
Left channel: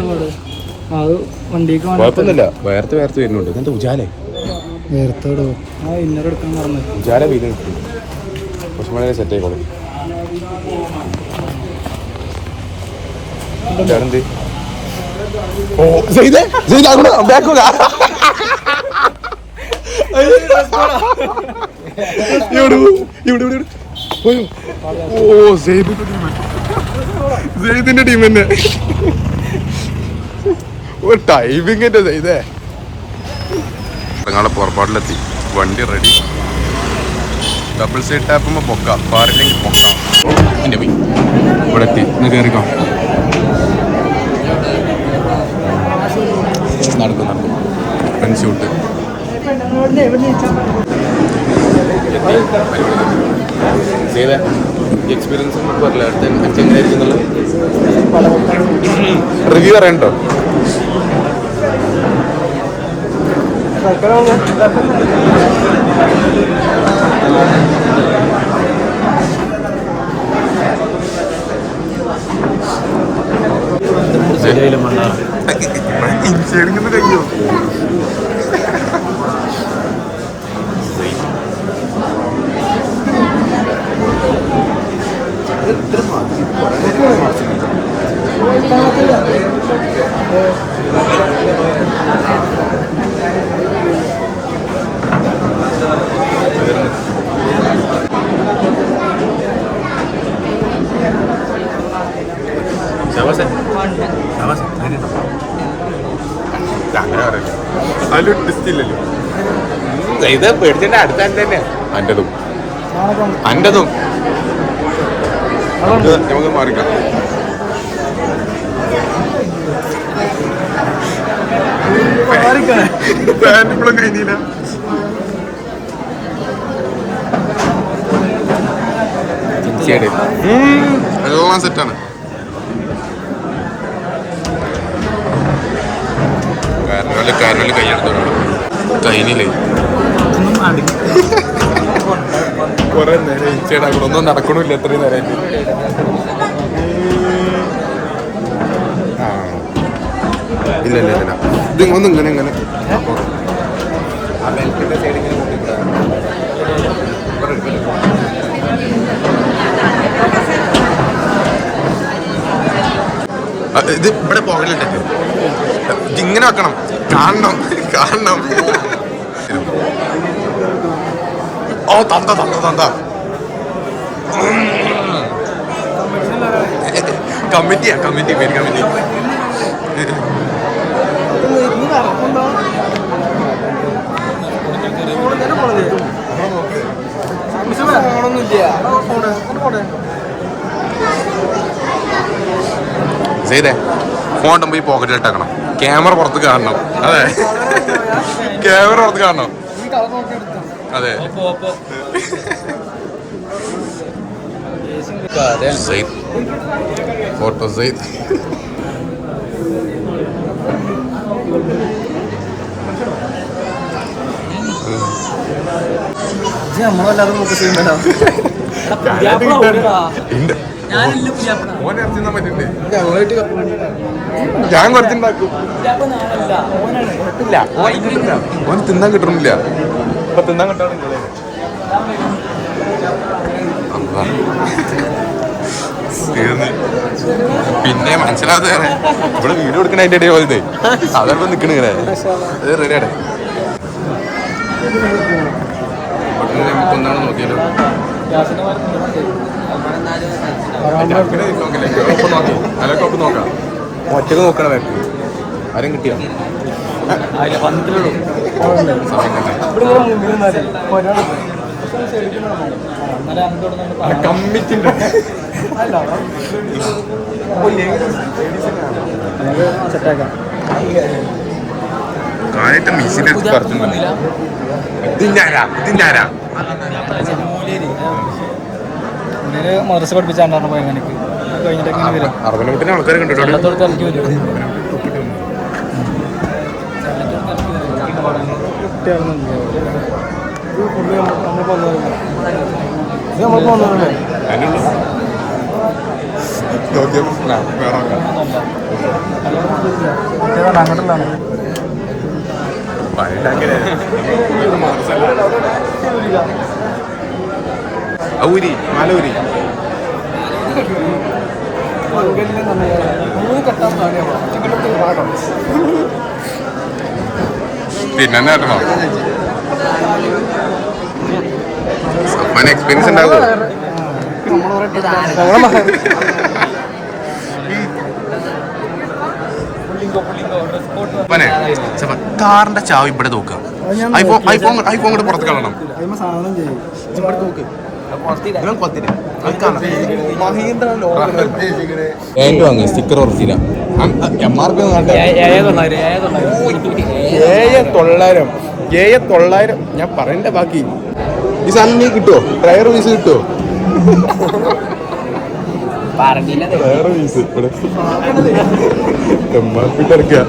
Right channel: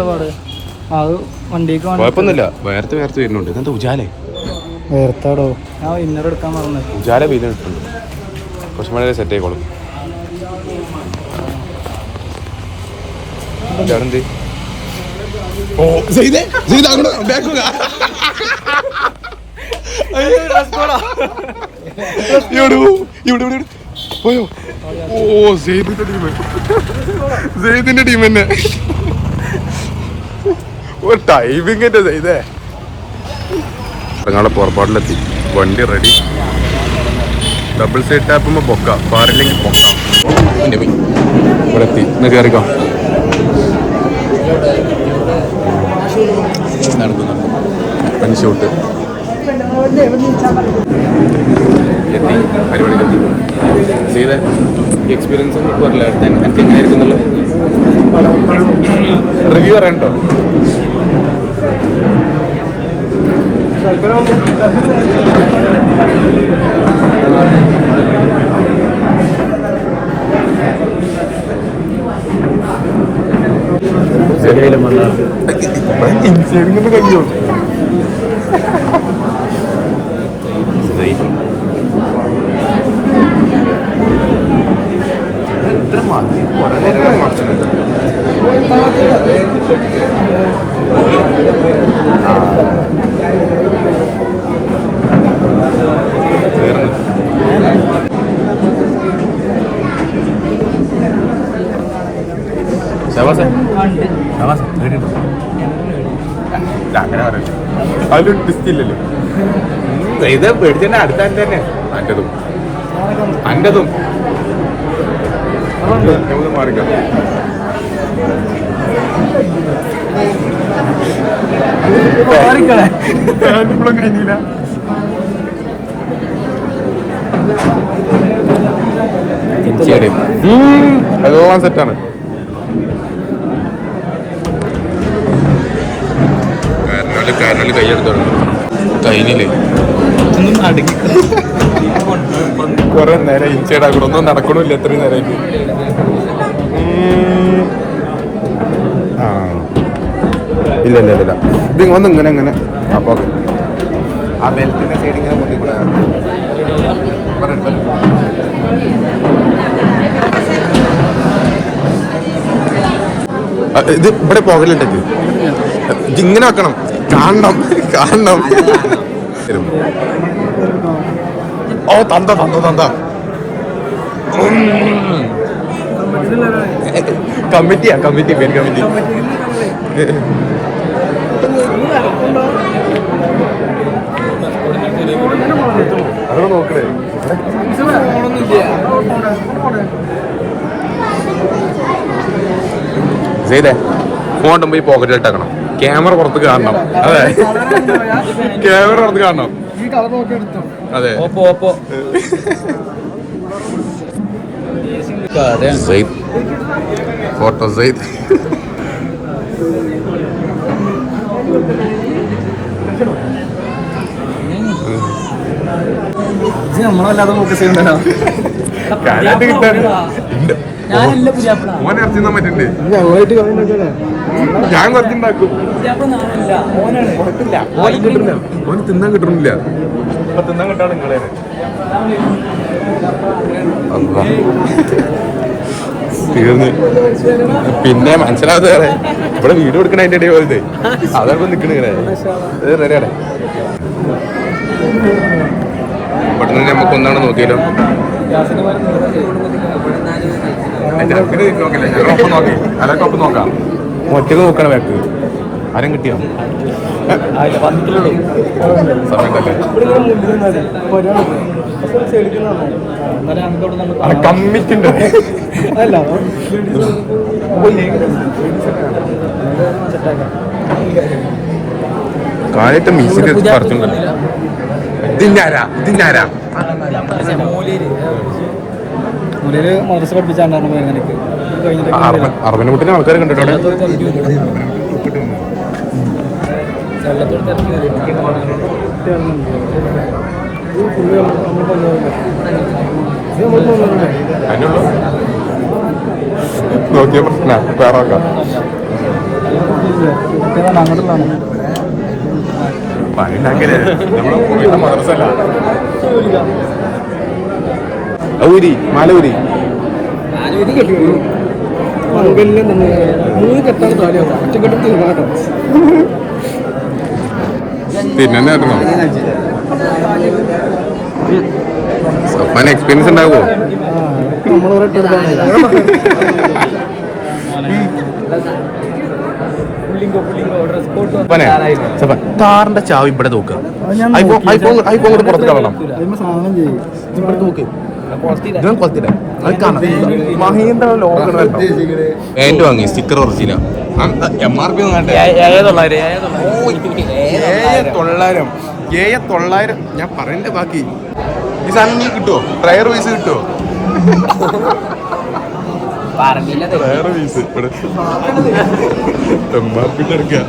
കുഴപ്പമൊന്നുമില്ല. വേർത്ത് വരുന്നുണ്ട്. ഇതെന്താ ഉജാലേ? വേർത്താടോ ആ ഇന്നർ എടുക്കാൻ പറഞ്ഞത് ഉജാല വെയിൽ കിട്ടുന്നുണ്ട്. കുറച്ച് മഴ സെറ്റ് ആയിക്കോളും. എന്ത് ഓ ചെയ്തേ ബാക്കുക പോയോ? ഓ സെയ്ദിന്റെ ടീം തന്നെ ടൈമിങ്ങിന്റെ ചെയ്തേ. ഞങ്ങളെ പുറപ്പാടിലെത്തി. വണ്ടി റെഡി. ഡബിൾ സൈഡ് ടാപ്പുമ്പോ പൊക്ക, പാറില്ലെങ്കിൽ പൊക്ക. ഇവിടെ എത്തി. ഇന്ന് കയറിക്കോ. നടക്കും പെൻഷൂട്ട് പരിപാടി ചെയ്തേ. എക്സ്പീരിയൻസ് പറഞ്ഞില്ല എങ്ങനെയായിരിക്കും റിവ്യൂ അറിയണ്ടോ? ഇൻസൈഡിങ്ങൊന്നും കഴിയോ? കുറെ നേരം മറച്ചിട്ടുണ്ട്. അങ്ങനെ പറയല്ലേ, അതിലൊരു ടിസ്റ്റ് ഇല്ലല്ലോ. ഇത് പേടിച്ചെന്നെ അടുത്ത തന്നെ അൻ്റെതും നമുക്ക് മാറിക്കാം. പാൻറ് ഇപ്പോഴും കഴിഞ്ഞില്ല. എല്ലാം സെറ്റാണ്. കാരണം കൈയെടുത്താണ് കൈനില്ലേ കൊറേ നേരം ഇൻസൈഡ് ആക്കണം. ഒന്നും നടക്കണില്ല എത്രയും നേരമായിട്ട്. ഇല്ല ഇത് ഒന്ന് ഇങ്ങനെ അപ്പൊ ആ ബെൽറ്റിന്റെ സൈഡ് ഇങ്ങനെ പൊട്ടിപ്പെടാൻ ഇത് ഇവിടെ പോകലുണ്ടത്. ഇതിങ്ങനെ വെക്കണം. കാണണം ഓ തന്ത കമ്മിറ്റി പേര് കമ്മിറ്റി. അതൊക്കെ നോക്കണേ. ചെയ്തേ ഫോണ്ടും പോയി പോക്കറ്റിലിട്ടേക്കണം. ക്യാമറ പുറത്ത് കാണണം. അതെ ക്യാമറ പുറത്ത് കാണണം. അതെ ഫോട്ടോ സെയ്ദ്. നമ്മളല്ലാതെ ഫോക്കസ് ചെയ്യുന്നുണ്ടോ? ഓനെ ഇറച്ചിന്നാൻ പറ്റുന്നുണ്ട്. ഞാൻ കുറച്ചുണ്ടാക്കും. ഓന് കിട്ടില്ല. ഓന് തിന്നാൻ കിട്ടണില്ല. തിന്നാൻ കിട്ടാണ് നിങ്ങളെ. തീർന്ന് പിന്നെ മനസ്സിലാവാതെ വേറെ ഇവിടെ വീഡിയോ എടുക്കണ അതിന്റെ ഇടയിൽ പോയത് അതോടൊപ്പം നിക്കണ ഇങ്ങനെ റെഡിയാടെ. പെട്ടെന്ന് നമുക്ക് ഒന്നാണ് നോക്കിയാലോ. അങ്ങനെ നോക്കില്ല, ഞങ്ങളൊപ്പം നോക്കി. അതൊക്കെ ഒപ്പം നോക്കാം. ഒറ്റക്ക് നോക്കണം. വേക്ക് ആരും കിട്ടിയോ? സമയം തന്നെ കമ്മിറ്റിണ്ട്. കാര്യമായിട്ട് മിസ്സിന്റെ അടുത്ത് നടത്തുന്നുണ്ടല്ലോ. ഇതിന്റെ ആരാ ഒരു മദ്രസ പഠിപ്പിച്ചാണ്ടാണ് പോയത് കഴിഞ്ഞിട്ട് അറുപതിനെ ആൾക്കാരെ കണ്ടിട്ടാണ് അതിനുള്ളൂ നോക്കിയ പ്രശ്നം വേറെ ആക്കാം അങ്ങോട്ടുള്ളതാണ് മദ്രസല്ല ഊരി മാലൂരി പിന്നെ കേട്ടണോ സഫാന് എക്സ്പീരിയൻസ് ഉണ്ടാകുമോ താറിന്റെ ചാവ് ഇവിടെ നോക്കുക ഐഫോൺ കൂടെ പുറത്ത് കളയണം പാന്റ് വാങ്ങി സ്റ്റിക്കർ ഉറച്ചില്ല MRP 900 ഞാൻ പറയണ്ട ബാക്കി ഈ സാധനം നീ കിട്ടുമോ ട്രയർ പീസ് കിട്ടുമോ ട്രയർ പീസ് ഇടക്കുക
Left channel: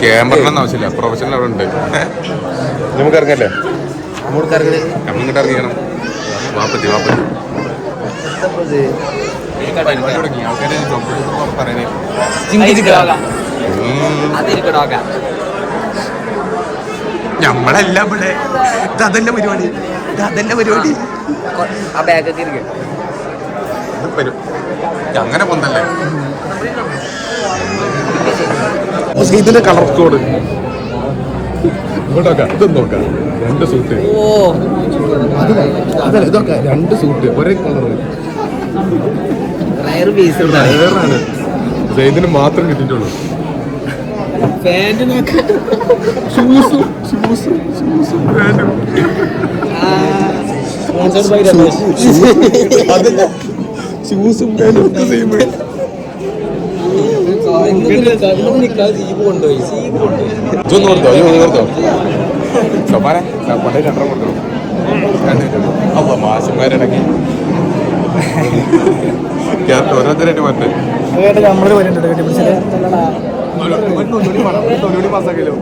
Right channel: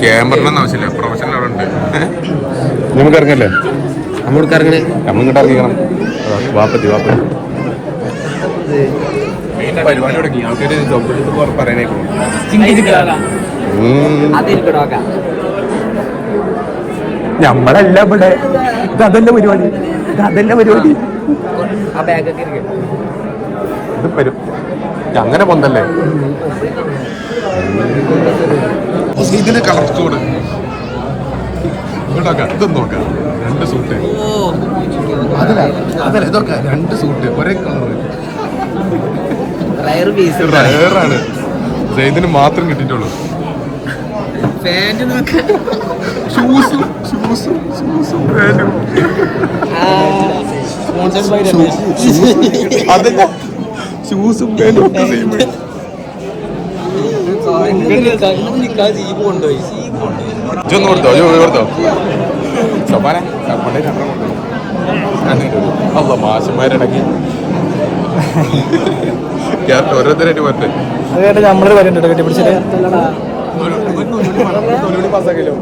ക്യാമറ ആവശ്യമില്ല പ്രൊഫഷണൽ അവിടെ ഉണ്ട് നമുക്ക് ഇറങ്ങല്ലേ നമ്മളിങ്ങോട്ട് ഇറങ്ങിക്കണം വാപ്പത്തി പരിപാടി തുടങ്ങി ആൾക്കാര് ജോബ് പറയാനേക്കോ ഞമ്മളല്ല ഇവിടെ ഇതല്ല പരിപാടി അങ്ങനെ പൊന്തല്ലേ ഇതിന്റെ കളർ കോഡ് ഇതൊന്നും നോക്കാം 2 സൂട്ട് അതല്ല ഇതൊക്കെ 2 സൂട്ട് ഒരേ കളറാണ് ഇതിന് മാത്രം കിട്ടിയിട്ടുള്ളൂ ഷൂസും പാന്റും അതല്ല ഷൂസും പാന്റും ഒക്കെ സെയിം ഇതൊന്നും കൊടുത്തോ സോപ്പാനെ കൊണ്ടേ 2 കൊണ്ടുവരും മാസന്മാരിടയ്ക്ക് ഓരോരുത്തരായിട്ട് മറ്റേ നമ്മള് പറയണ്ടോ കെട്ടി പിടിച്ചിട്ട് തൊഴിലൂടി പാസ്സാക്കിയല്ലോ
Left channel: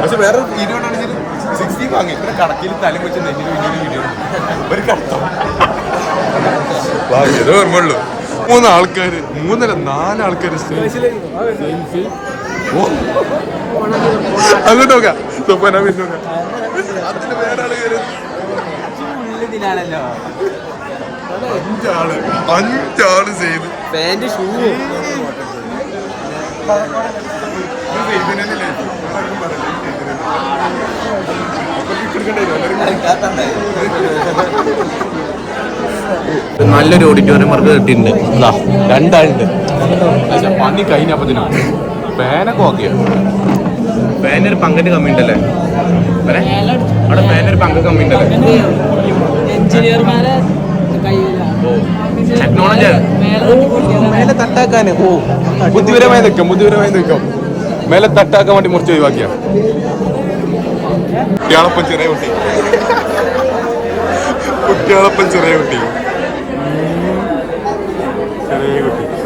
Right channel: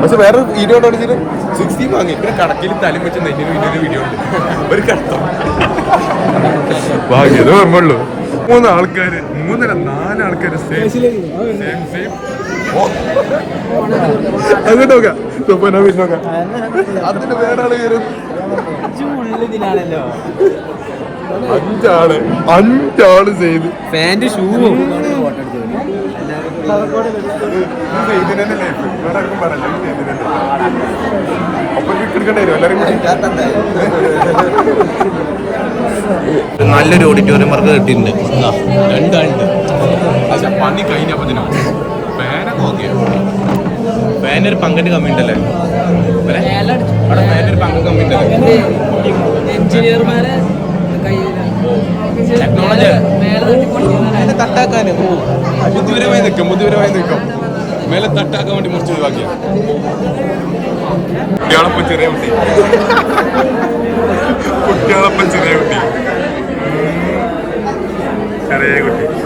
പക്ഷെ വേറെ വീഡിയോ കാണിച്ചിട്ട് 16 വാങ്ങി പിന്നെ കണക്കിന് തലം വെച്ച് നെഞ്ഞിന് വലിയൊരു വീഡിയോ ഉണ്ട് ഒരു കഷ്ടം ഓർമ്മയുള്ളൂ 3 ആൾക്കാര് 4 ആൾക്കാര് അത് നോക്കാം നോക്കാം അതിന് വേറെ അഞ്ചാള് ചെയ്ത് പാന്റ് ഷൂ നല്ലൊരു ഓഡിറ്റോറിയം വർക്ക് കിട്ടിയിട്ടുണ്ട് 2 ആളുണ്ട് പക്ഷെ പണി കഴിഞ്ഞപ്പത്തിനോ ഫാനൊക്കെ ഓക്കെയാ ഫാനൊരു പങ്കിന്റെ കമ്മി ഉണ്ടല്ലേ അവിടെ ഫാനൊരു പങ്ക് കമ്മി ഉണ്ടല്ലേ ടെക്നോളജി മേലെ തട്ടാക്കാന് ബുദ്ധിപരമായി നിൽക്കും മേലെ തട്ടാക്കാൻ വേണ്ടി മുറിച്ച് ഒഴിവാക്കിയ കുട്ടികളപ്പം ചെറിയ കുട്ടി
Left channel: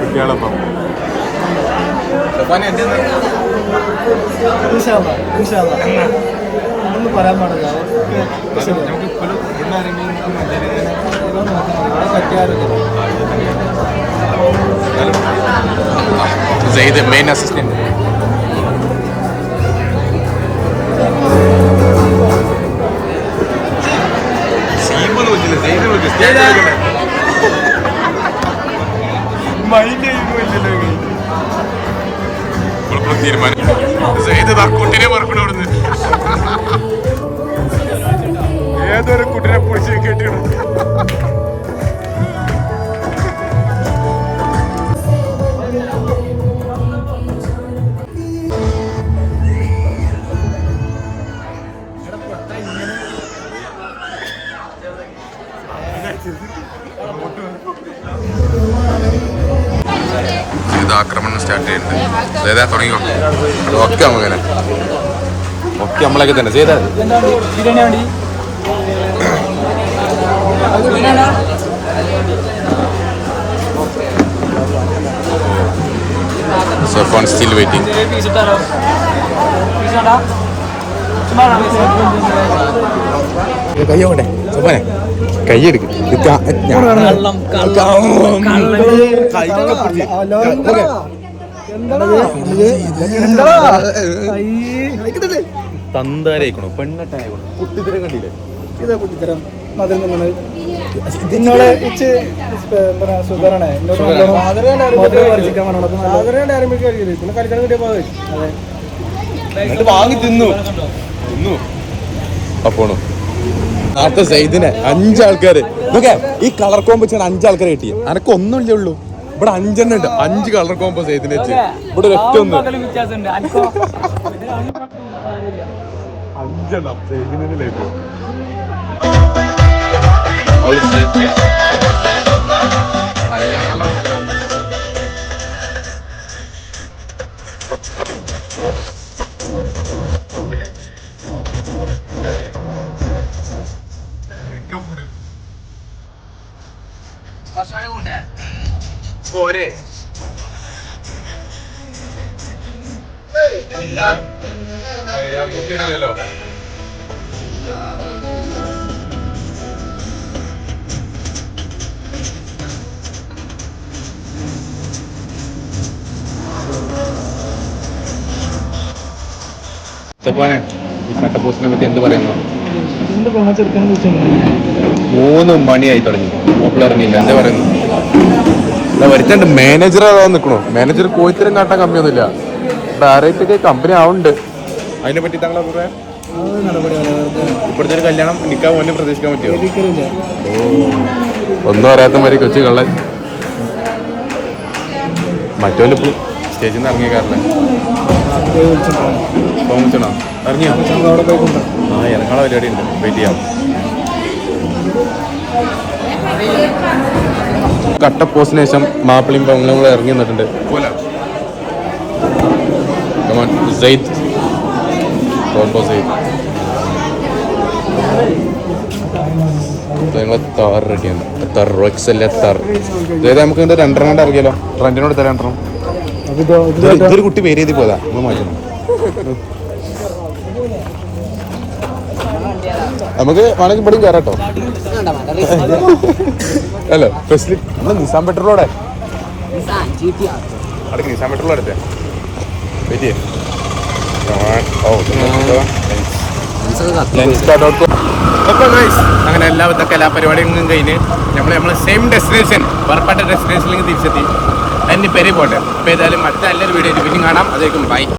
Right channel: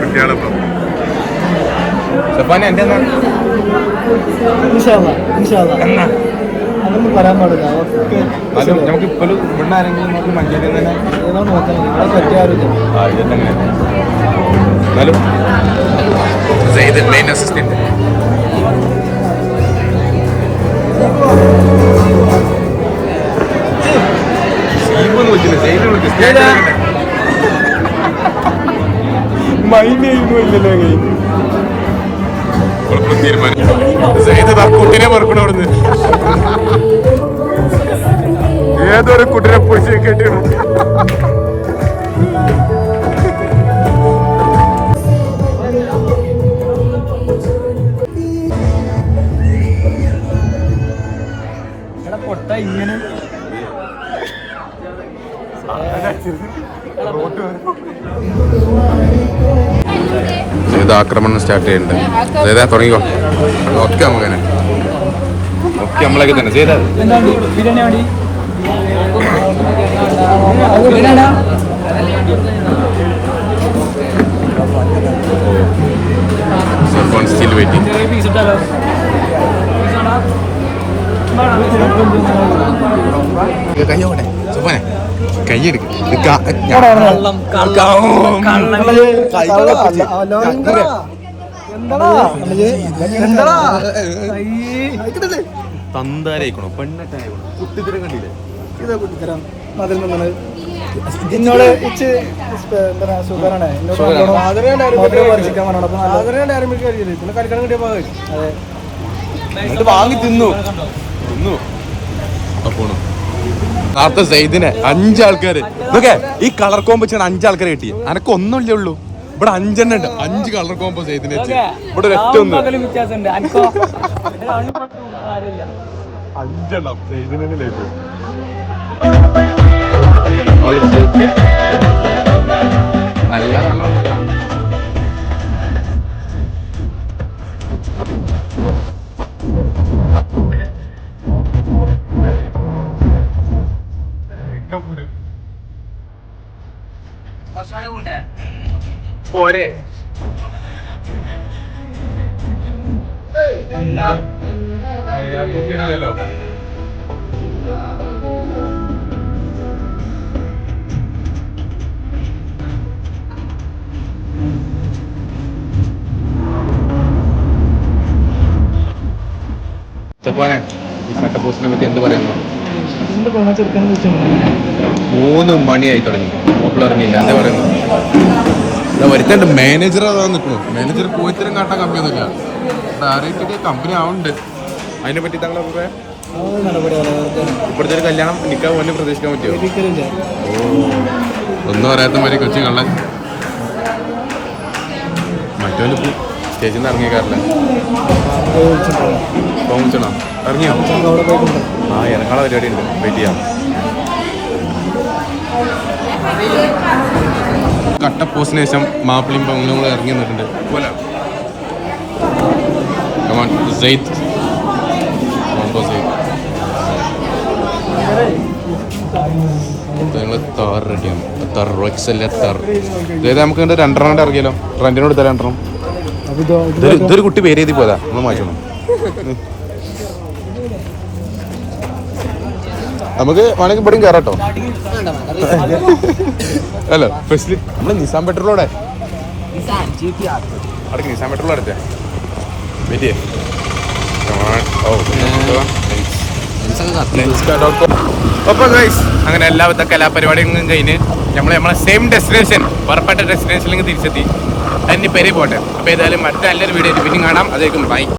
കുട്ടികളപ്പം എന്റെ അതൊന്നും പറയാൻ പാടില്ല നമുക്ക് ഇപ്പോഴും ഇവിടെ ആരെങ്കിലും നമുക്ക് മഞ്ചേരി നോക്കണം ഇവിടെ പറ്റിയാറില്ല മെയിൻ അസിസ്റ്റന്റ് സീമൊന്നും വെച്ചില്ല സെയ്ത് വിളിച്ചു മൈൻഡ് ചെയ്യുന്നില്ലല്ലോ തീരുമാനം സെയ്ത് കുട്ടിനെ മറക്കണം അവിടുന്ന് ഏതൊരു കുട്ടിനെ പൊളിച്ച് കെട്ടിയാണ്. ഇത് ആക്രമണം സ്റ്റാർട്ട് ചെയ്തിട്ടുണ്ട്. ചെയ്താ തുടങ്ങിക്കോ. ഒക്കെ നമുക്കനെ ഒക്കെ നമ്മളൊക്കെ തന്നെ ചെയ്താ സർഫാൻ സ്റ്റിൽ വെയിറ്റിംഗ്. കയ്യോട്ടെ സുപ്പാനെ കൈയെടുക്ക്. തന്താരായിക്കണോ പെണ്ണട്ടായിക്കണോ കുട്ടിത്തരം കണ്ടില്ലേ? ഇതാ കുട്ടിത്തരം മതിൽ നിന്നത് ഇതിനോട് ഇച്ച് എന്താ സുഖറാണ് കളിക്കാൻ കിട്ടിയ എന്നിട്ട് വാങ്ങി തിന്നു അപ്പോണു നേരത്തെ സെയ്ദിനെ 5 ആൾക്കാര് നോക്കെ ഈ കളർ കോമ്പോ വെച്ചാണ് 5 ആൾക്കാരെ കിട്ടി. അനക്ക് ഒന്നുമില്ലേ ഉള്ളൂ. ഇവിടെ 5 എണ്ണം ഉണ്ട്. 5 കളർ കോമ്പോ സെയ്ദിനെ വെച്ച് ഇവിടെ ഒറ്റ ഒന്ന് 5 എണ്ണം സെയ്ദിലേക്ക്. പോരെ ഈ കട്ടപ്പോസിനെ പറ്റി എന്ത് പറയുന്നു? 3 മണിയായി തുടങ്ങി. പോപ്പുലറിനില്ല എന്താ പറയുന്നു? വരുത്തണ്ട് മാനേജർ അതാ നിൽക്കണു. മാനേജർ കോയിത്തരം കാട്ടാൻ കമ്മിയൊന്നുമില്ല. ഇവിടെ ആരൊക്കെ കമ്പനി ആവുന്നുണ്ട്. അതിനെ പറ്റി താങ്കളുടെ അഭിപ്രായം? ഇപ്പോഴത്തെ ഒരു കല്യാണം നിൽക്കാൻ മുന്നേ പ്രതീക്ഷിക്കാൻ പറ്റുമോ? ഒന്നും അറിയാത്ത മാതിരി കൊച്ചു കള്ളൻ. മറ്റോലിപ്പോൾ സ്റ്റേജിൽ നിന്ന് ഇറങ്ങിയേക്കാറില്ല. വിളിച്ചണോ? ഇറങ്ങിയോ? ആ ഇറങ്ങാനുള്ള പരിപാടി ഉണ്ട്. വെയിറ്റ് ചെയ്യാം. കട്ടപ്പോസിന് ശേഷം മാപ്പിളിയും പങ്ങളും കൂടെ ഇറങ്ങി നിന്നിട്ടുണ്ട്. ഞങ്ങൾ താറ് റെഡിയാണ്. അതായത് നമുക്ക് 2 എണ്ണം ഇറങ്ങിയല്ലോ. റെന്റിനോട് തരാം 2 എണ്ണം. ഇതൊരു കുട്ടി പേര് എഴുതി പോയതാ. നമ്മൾ മാറ്റണം. നമുക്ക് വേണമെങ്കിൽ ഇവിടെയും കയറാട്ടോ. അല്ലോ സ്പെഷ്യലി നമ്മള് നിസാം പെട്രോളോടെ അടക്ക്. നിസാം പെട്രോൾ അടുത്തേ വെയിറ്റ്. അപ്പൊ ഗൈസ് അങ്ങനെ എല്ലാവിധ കലാപരിപാടികളും കഴിഞ്ഞ് നമ്മളെ സെയിം ഡെസ്റ്റിനേഷൻ ഉറപ്പാട്ട ഡെസ്റ്റിനേഷനിലേക്ക് തിരിച്ചെത്തി. അതിന് പെരി പോട്ടെ. അപ്പൊ ഏതായാലും മറ്റു നല്ലൊരു വീഡിയോ പിന്നെ കാണാം. അതേക്കും ബൈ.